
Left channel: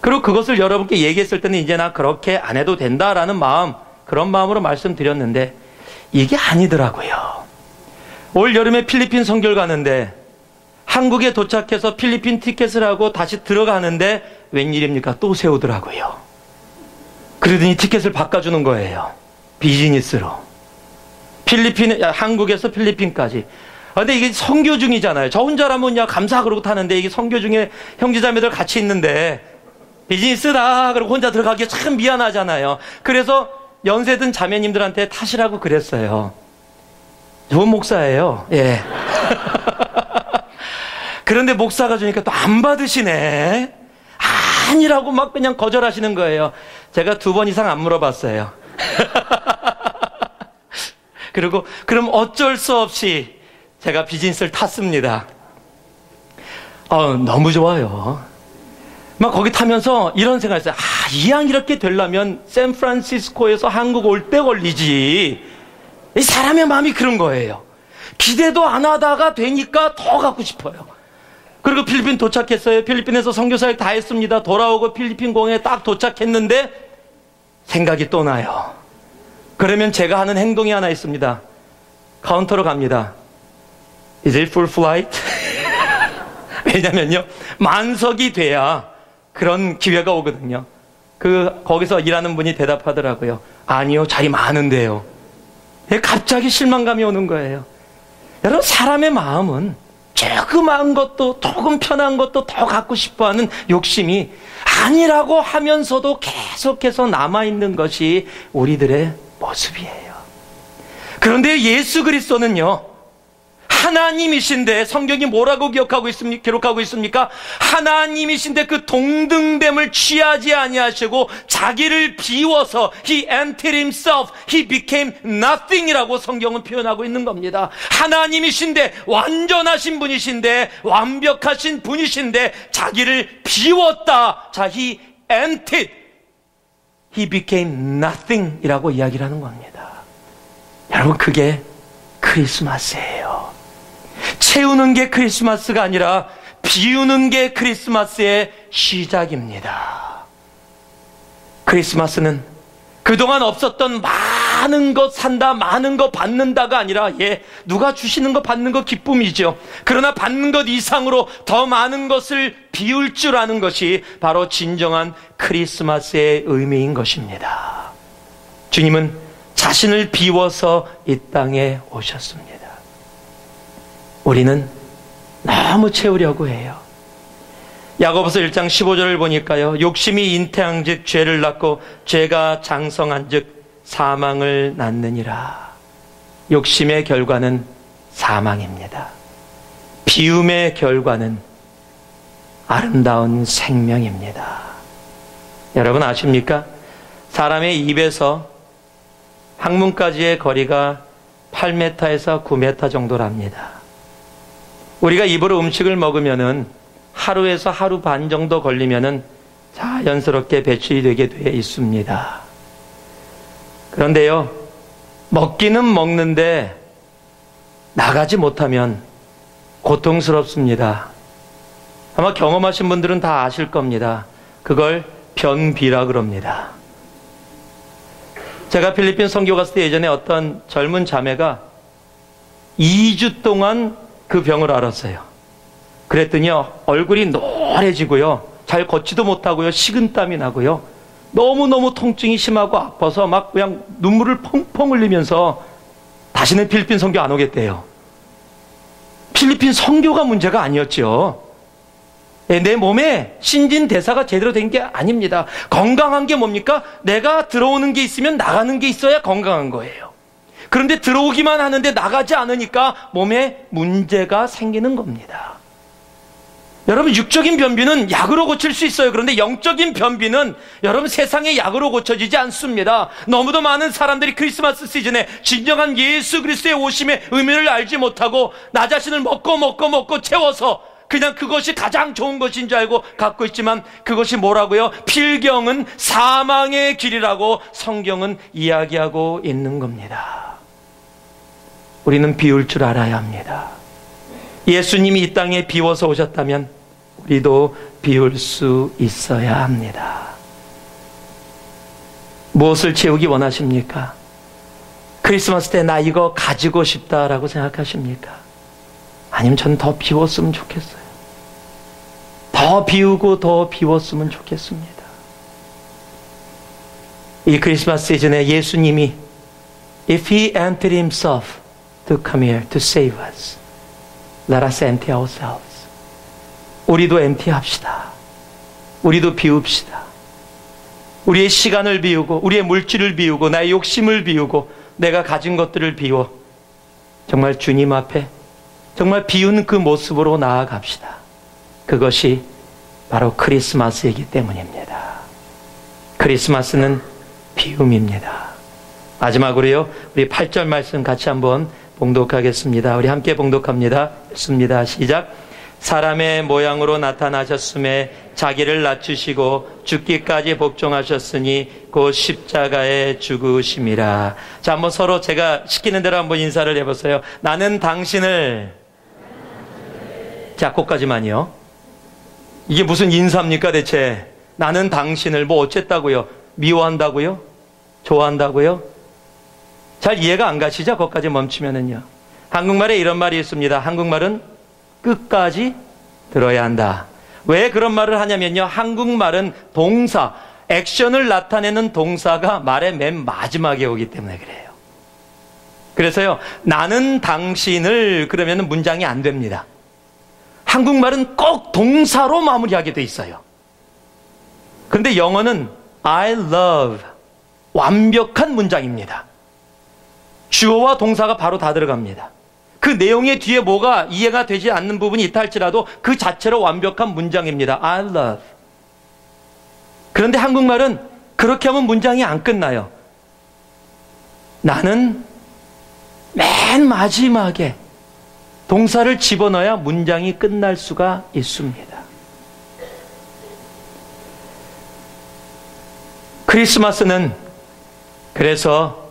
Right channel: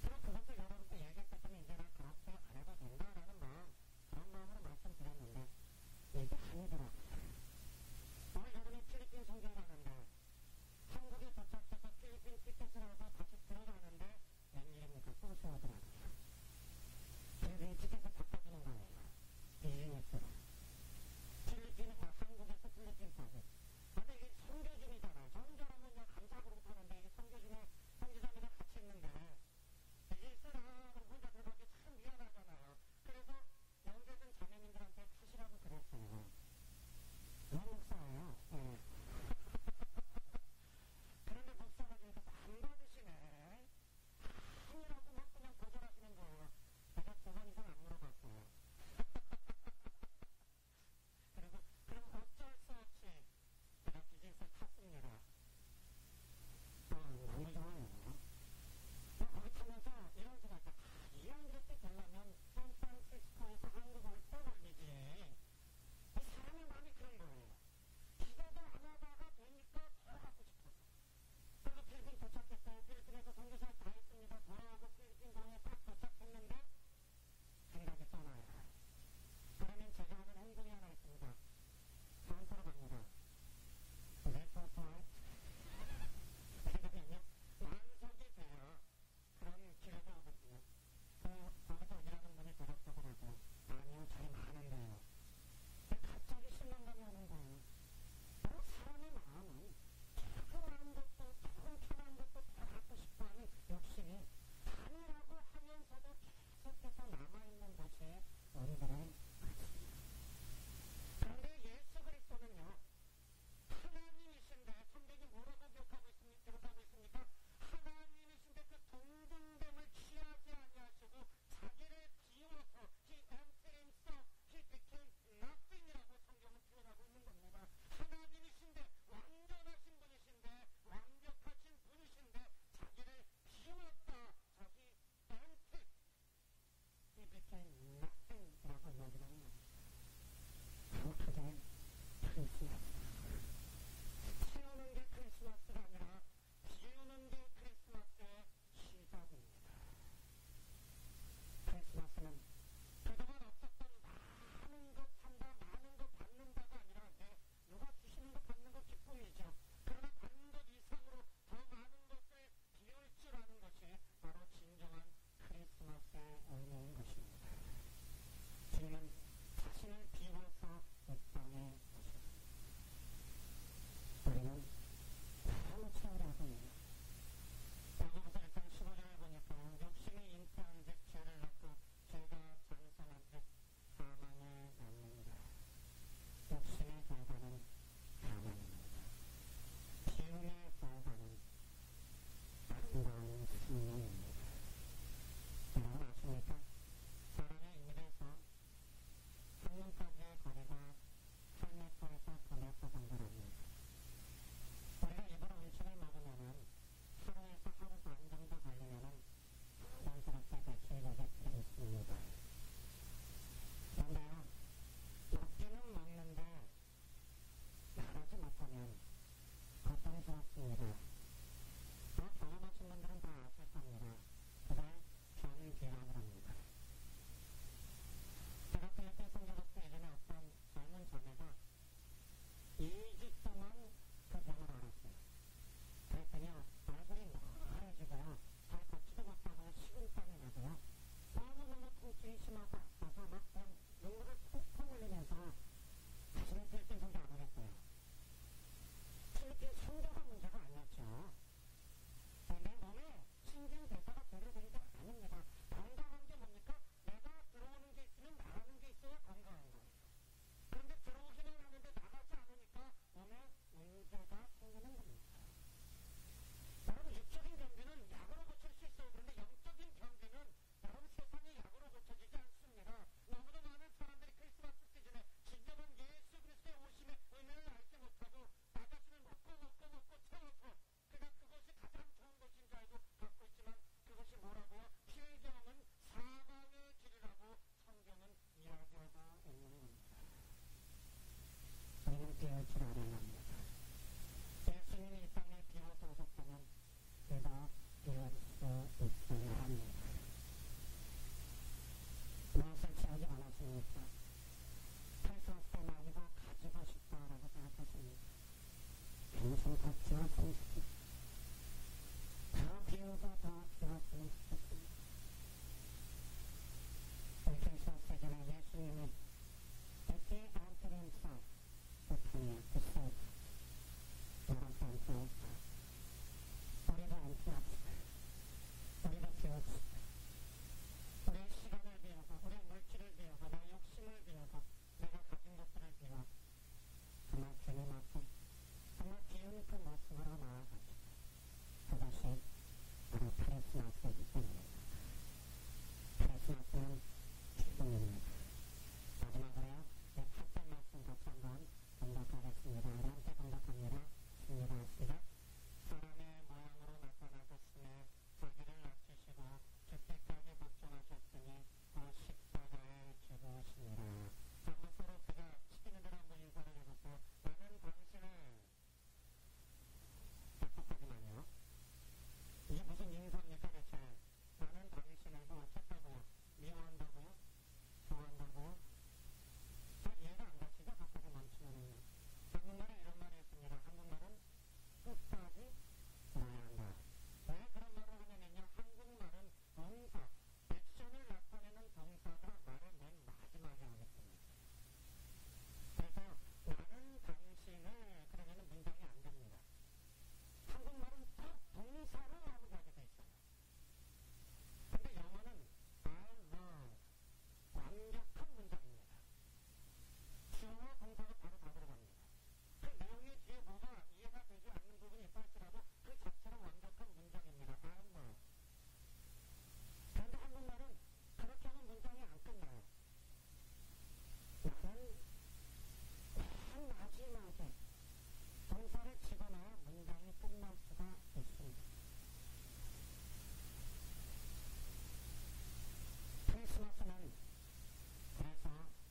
그리고 그것을 여러분께 얘기했을 때는 이제 나 그렇게 안 해도 된다라는 마음, 그런 마음으로 말씀드렸는데 이게 아니더라고요. 올 여름에 필리핀 선교를 가는데 한국에 도착해서 필리핀 티켓을 하고 다시 들어가는데 웬일입니까? 또 세우더라고요. 그러더니 티켓을 바꿔주는 거예요. 비즈니스로. 한국에서 필리핀까지. 근데 이게 선교 중이잖아요. 저 혼자라면 그냥 감사 그러고 타는데 이게 선교 중에 형제자매들 같이 있는데 비즈니스다 그러고 혼자 들어가기 참 미안하잖아요. 그래서 연세든 자매님들한테 타시라고 그랬어요. 좋은 목사예요. 예. 그런데 목사가 주니까 또 안 받으시네. 아니라고 막 그냥 거절하시는 거예요. 제가 2번 이상 안 물어봤어요. 그리고 그럼 어쩔 수 없이 제가 비즈니스를 탔습니다. 너무 좋아요. 막 거기 타면서 이런 생각을 했어요. 이왕 이렇게 되려면 샌프란시스코에서 한국 올 때 걸리지. 이 사람의 마음이 그런 거예요. 기대도 안 하다가 되니까 더 갖고 싶어요. 그리고 필리핀 도착했어요. 필리핀에서 선교사역 다 했습니다. 돌아오고 필리핀 공항에 딱 도착했는데 생각이 또 나요. 그러면 제가 하는 행동이 하나 있습니다. 카운터로 갑니다. Is it full flight? 왜냐면요, 만석이 돼야 그런 기회가 오거든요. 거기서 일하는 분이 대답하더라고요. 아니요, 자리 많은데요. 갑자기 실망감이 오는 거예요. 여러분, 사람의 마음은 조그마한 것도 조금 편한 것도 더 갖고 싶어하는 욕심이 아니라고 하면서도 계속해서 남아있는 것이 우리들의 모습이에요. 그런데 예수 그리스도는요, 하나님이신데 성경이 뭐라고 기록하고 있습니까? 하나님이신데 그 동등됨을 취하지 아니하시고 자기를 비워서 He emptied himself, He became nothing이라고 성경은 표현하고 있는 겁니다. 하나님이신데, 완전하신 분이신데, 완벽하신 분이신데 자기를 비웠다. 자, He emptied, He became nothing이라고 이야기를 하는 겁니다. 여러분, 그게 크리스마스예요. 채우는 게 크리스마스가 아니라 비우는 게 크리스마스의 시작입니다. 크리스마스는 그동안 없었던 많은 것 산다, 많은 것 받는다가 아니라, 누가 주시는 거 받는 거 기쁨이죠. 그러나 받는 것 이상으로 더 많은 것을 비울 줄 아는 것이 바로 진정한 크리스마스의 의미인 것입니다. 주님은 자신을 비워서 이 땅에 오셨습니다. 우리는 너무 채우려고 해요. 야고보서 1장 15절을 보니까요, 욕심이 잉태한즉 죄를 낳고 죄가 장성한즉 사망을 낳느니라. 욕심의 결과는 사망입니다. 비움의 결과는 아름다운 생명입니다. 여러분 아십니까? 사람의 입에서 항문까지의 거리가 8m에서 9m 정도랍니다. 우리가 입으로 음식을 먹으면은 하루에서 하루 반 정도 걸리면은 자연스럽게 배출이 되게 돼 있습니다. 그런데요, 먹기는 먹는데 나가지 못하면 고통스럽습니다. 아마 경험하신 분들은 다 아실 겁니다. 그걸 변비라 그럽니다. 제가 필리핀 선교 갔을 때 예전에 어떤 젊은 자매가 2주 동안 그 병을 앓았어요. 그랬더니요, 얼굴이 노래지고요, 잘 걷지도 못하고요, 식은땀이 나고요, 너무너무 통증이 심하고 아파서 막 그냥 눈물을 펑펑 흘리면서 다시는 필리핀 선교 안 오겠대요. 필리핀 선교가 문제가 아니었죠. 내 몸에 신진대사가 제대로 된 게 아닙니다. 건강한 게 뭡니까? 내가 들어오는 게 있으면 나가는 게 있어야 건강한 거예요. 그런데 들어오기만 하는데 나가지 않으니까 몸에 문제가 생기는 겁니다. 여러분, 육적인 변비는 약으로 고칠 수 있어요. 그런데 영적인 변비는 여러분 세상의 약으로 고쳐지지 않습니다. 너무도 많은 사람들이 크리스마스 시즌에 진정한 예수 그리스도의 오심의 의미를 알지 못하고 나 자신을 먹고 채워서 그냥 그것이 가장 좋은 것인 줄 알고 갖고 있지만, 그것이 뭐라고요? 필경은 사망의 길이라고 성경은 이야기하고 있는 겁니다. 우리는 비울 줄 알아야 합니다. 예수님이 이 땅에 비워서 오셨다면 우리도 비울 수 있어야 합니다. 무엇을 채우기 원하십니까? 크리스마스 때 나 이거 가지고 싶다라고 생각하십니까? 아니면 전 더 비웠으면 좋겠어요. 더 비우고 더 비웠으면 좋겠습니다. 이 크리스마스 시즌에 예수님이 If He emptied Himself to come here to save us, let us empty ourselves. 우리도 empty합시다. 우리도 비웁시다. 우리의 시간을 비우고, 우리의 물질을 비우고, 나의 욕심을 비우고, 내가 가진 것들을 비워 정말 주님 앞에 정말 비운 그 모습으로 나아갑시다. 그것이 바로 크리스마스이기 때문입니다. 크리스마스는 비움입니다. 마지막으로요, 우리 8절 말씀 같이 한번 봉독하겠습니다. 우리 함께 봉독합니다. 읽습니다. 시작. 사람의 모양으로 나타나셨음에 자기를 낮추시고 죽기까지 복종하셨으니 곧 십자가에 죽으심이라. 자, 한번 서로 제가 시키는 대로 한번 인사를 해보세요. 나는 당신을, 자, 거기까지만요. 이게 무슨 인사입니까 대체? 나는 당신을 뭐 어쨌다고요? 미워한다고요? 좋아한다고요? 잘 이해가 안 가시죠? 거기까지 멈추면은요. 한국말에 이런 말이 있습니다. 한국말은 끝까지 들어야 한다. 왜 그런 말을 하냐면요, 한국말은 동사, 액션을 나타내는 동사가 말의 맨 마지막에 오기 때문에 그래요. 그래서요, 나는 당신을 그러면 문장이 안 됩니다. 한국말은 꼭 동사로 마무리하게 돼 있어요. 그런데 영어는 I love, 완벽한 문장입니다. 주어와 동사가 바로 다 들어갑니다. 그 내용의 뒤에 뭐가 이해가 되지 않는 부분이 있다 할지라도 그 자체로 완벽한 문장입니다. I love. 그런데 한국말은 그렇게 하면 문장이 안 끝나요. 나는 맨 마지막에 동사를 집어넣어야 문장이 끝날 수가 있습니다. 크리스마스는 그래서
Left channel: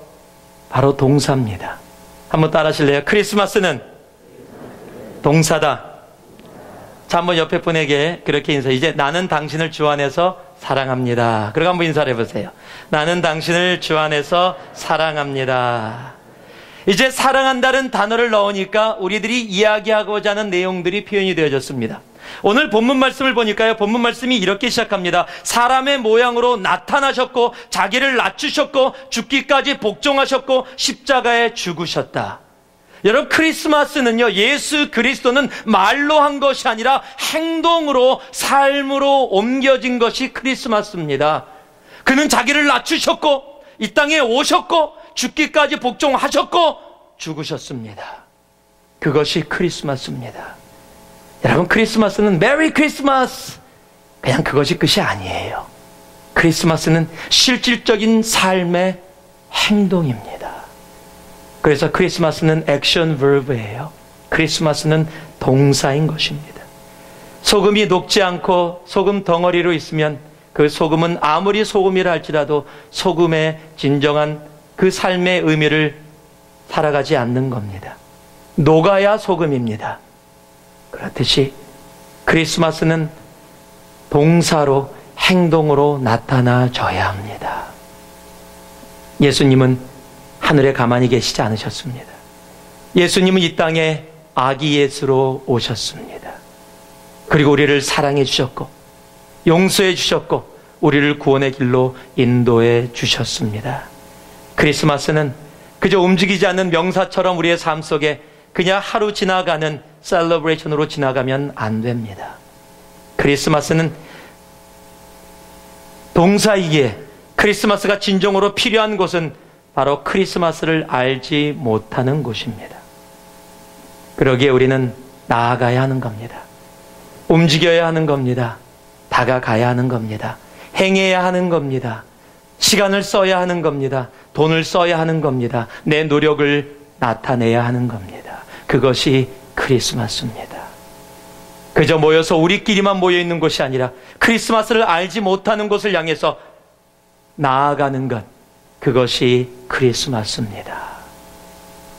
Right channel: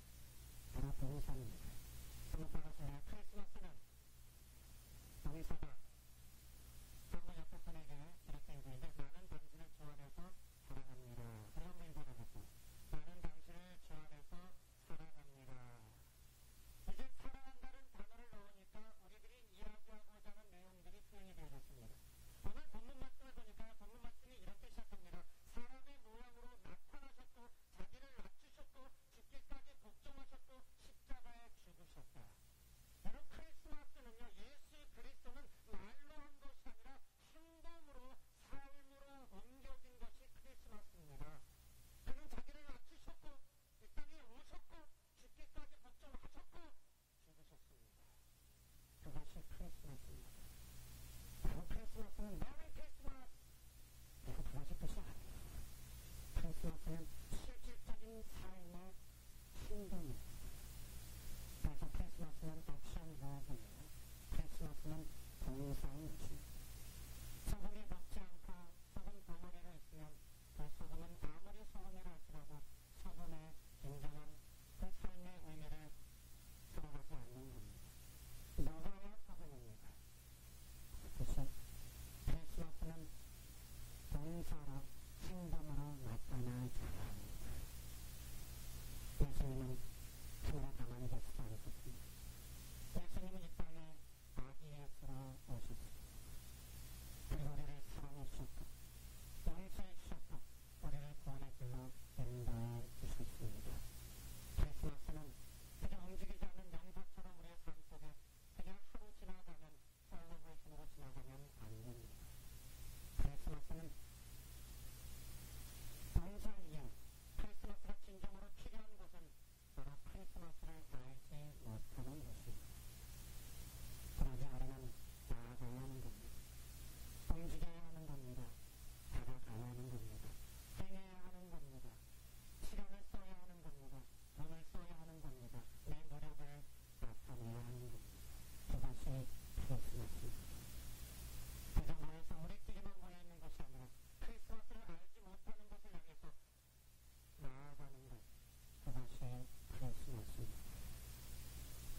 바로 동사입니다. 한번 따라 하실래요? 크리스마스는 동사다. 자, 한번 옆에 분에게 그렇게 인사. 이제 나는 당신을 주 안에서 사랑합니다. 그리고 한번 인사를 해보세요. 나는 당신을 주 안에서 사랑합니다. 이제 사랑한다는 단어를 넣으니까 우리들이 이야기하고자 하는 내용들이 표현이 되어졌습니다. 오늘 본문 말씀을 보니까요, 본문 말씀이 이렇게 시작합니다. 사람의 모양으로 나타나셨고 자기를 낮추셨고 죽기까지 복종하셨고 십자가에 죽으셨다. 여러분, 크리스마스는요, 예수 그리스도는 말로 한 것이 아니라 행동으로, 삶으로 옮겨진 것이 크리스마스입니다. 그는 자기를 낮추셨고 이 땅에 오셨고 죽기까지 복종하셨고 죽으셨습니다. 그것이 크리스마스입니다. 여러분, 크리스마스는 메리 크리스마스 그냥 그것이 끝이 아니에요. 크리스마스는 실질적인 삶의 행동입니다. 그래서 크리스마스는 액션 버브예요. 크리스마스는 동사인 것입니다. 소금이 녹지 않고 소금 덩어리로 있으면 그 소금은 아무리 소금이라 할지라도 소금의 진정한 그 삶의 의미를 살아가지 않는 겁니다. 녹아야 소금입니다. 그렇듯이 크리스마스는 동사로, 행동으로 나타나줘야 합니다. 예수님은 하늘에 가만히 계시지 않으셨습니다. 예수님은 이 땅에 아기 예수로 오셨습니다. 그리고 우리를 사랑해 주셨고 용서해 주셨고 우리를 구원의 길로 인도해 주셨습니다. 크리스마스는 그저 움직이지 않는 명사처럼 우리의 삶 속에 그냥 하루 지나가는 셀러브레이션으로 지나가면 안 됩니다. 크리스마스는 동사이기에 크리스마스가 진정으로 필요한 곳은 바로 크리스마스를 알지 못하는 곳입니다. 그러기에 우리는 나아가야 하는 겁니다. 움직여야 하는 겁니다. 다가가야 하는 겁니다. 행해야 하는 겁니다. 시간을 써야 하는 겁니다. 돈을 써야 하는 겁니다. 내 노력을 나타내야 하는 겁니다. 그것이 크리스마스입니다. 그저 모여서 우리끼리만 모여있는 곳이 아니라 크리스마스를 알지 못하는 곳을 향해서 나아가는 것, 그것이 크리스마스입니다.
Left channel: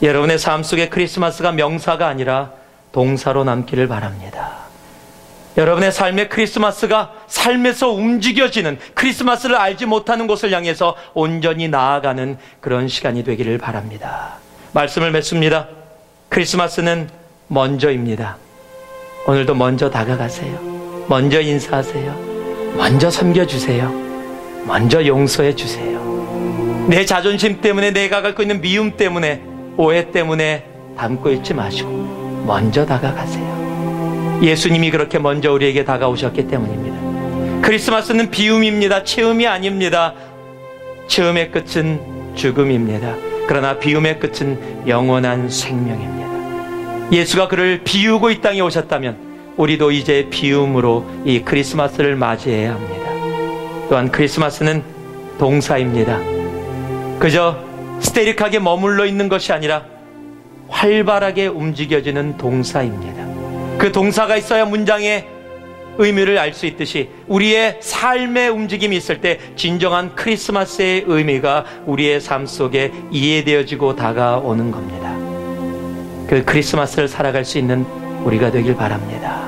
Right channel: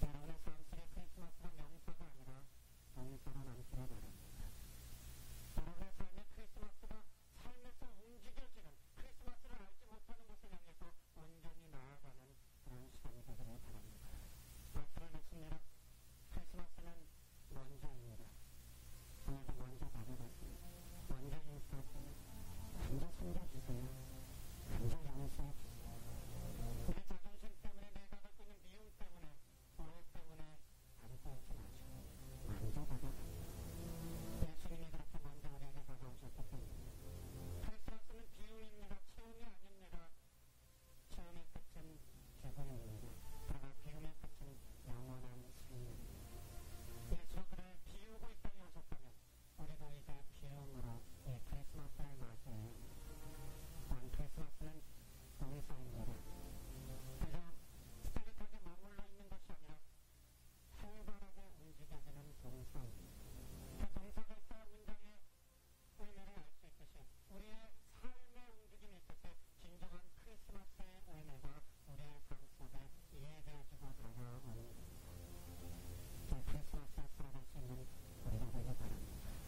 여러분의 삶 속에 크리스마스가 명사가 아니라 동사로 남기를 바랍니다. 여러분의 삶의 크리스마스가 삶에서 움직여지는, 크리스마스를 알지 못하는 곳을 향해서 온전히 나아가는 그런 시간이 되기를 바랍니다. 말씀을 맺습니다. 크리스마스는 먼저입니다. 오늘도 먼저 다가가세요. 먼저 인사하세요. 먼저 섬겨주세요. 먼저 용서해 주세요. 내 자존심 때문에, 내가 갖고 있는 미움 때문에, 오해 때문에 담고 있지 마시고 먼저 다가가세요. 예수님이 그렇게 먼저 우리에게 다가오셨기 때문입니다. 크리스마스는 비움입니다. 체험이 아닙니다. 체험의 끝은 죽음입니다. 그러나 비움의 끝은 영원한 생명입니다. 예수가 그를 비우고 이 땅에 오셨다면 우리도 이제 비움으로 이 크리스마스를 맞이해야 합니다. 또한 크리스마스는 동사입니다. 그저 스테릭하게 머물러 있는 것이 아니라 활발하게 움직여지는 동사입니다. 그 동사가 있어야 문장의 의미를 알 수 있듯이 우리의 삶의 움직임이 있을 때 진정한 크리스마스의 의미가 우리의 삶 속에 이해되어지고 다가오는 겁니다. 그 크리스마스를 살아갈 수 있는 우리가 되길 바랍니다.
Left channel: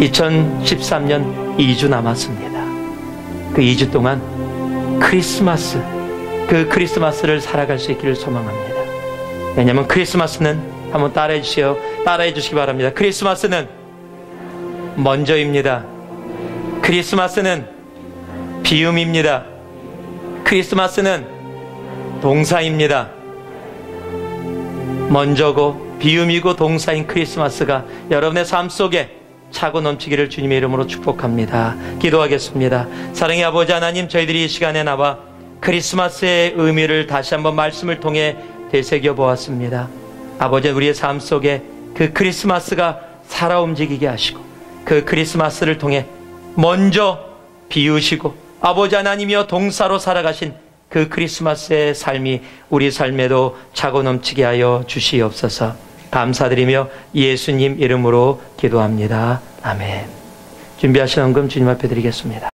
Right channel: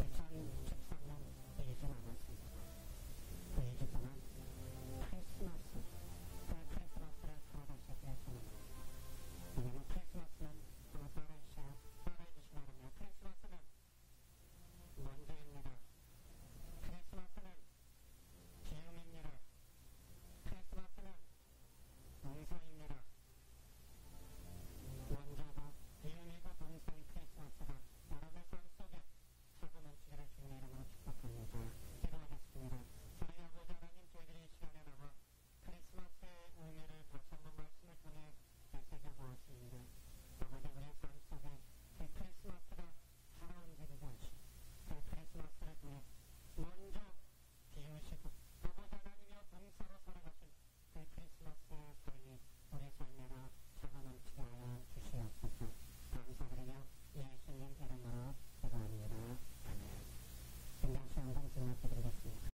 2013년 2주 남았습니다. 그 2주 동안 그 크리스마스를 살아갈 수 있기를 소망합니다. 왜냐하면 크리스마스는, 한번 따라해 주시기 바랍니다. 크리스마스는 먼저입니다. 크리스마스는 비움입니다. 크리스마스는 동사입니다. 먼저고 비움이고 동사인 크리스마스가 여러분의 삶 속에 차고 넘치기를 주님의 이름으로 축복합니다. 기도하겠습니다. 사랑의 아버지 하나님, 저희들이 이 시간에 나와 크리스마스의 의미를 다시 한번 말씀을 통해 되새겨 보았습니다. 아버지, 우리의 삶 속에 그 크리스마스가 살아 움직이게 하시고 그 크리스마스를 통해 먼저 비우시고 아버지 하나님이여 동사로 살아가신 그 크리스마스의 삶이 우리 삶에도 차고 넘치게 하여 주시옵소서. 감사드리며 예수님 이름으로 기도합니다. 아멘. 준비하신 헌금 주님 앞에 드리겠습니다.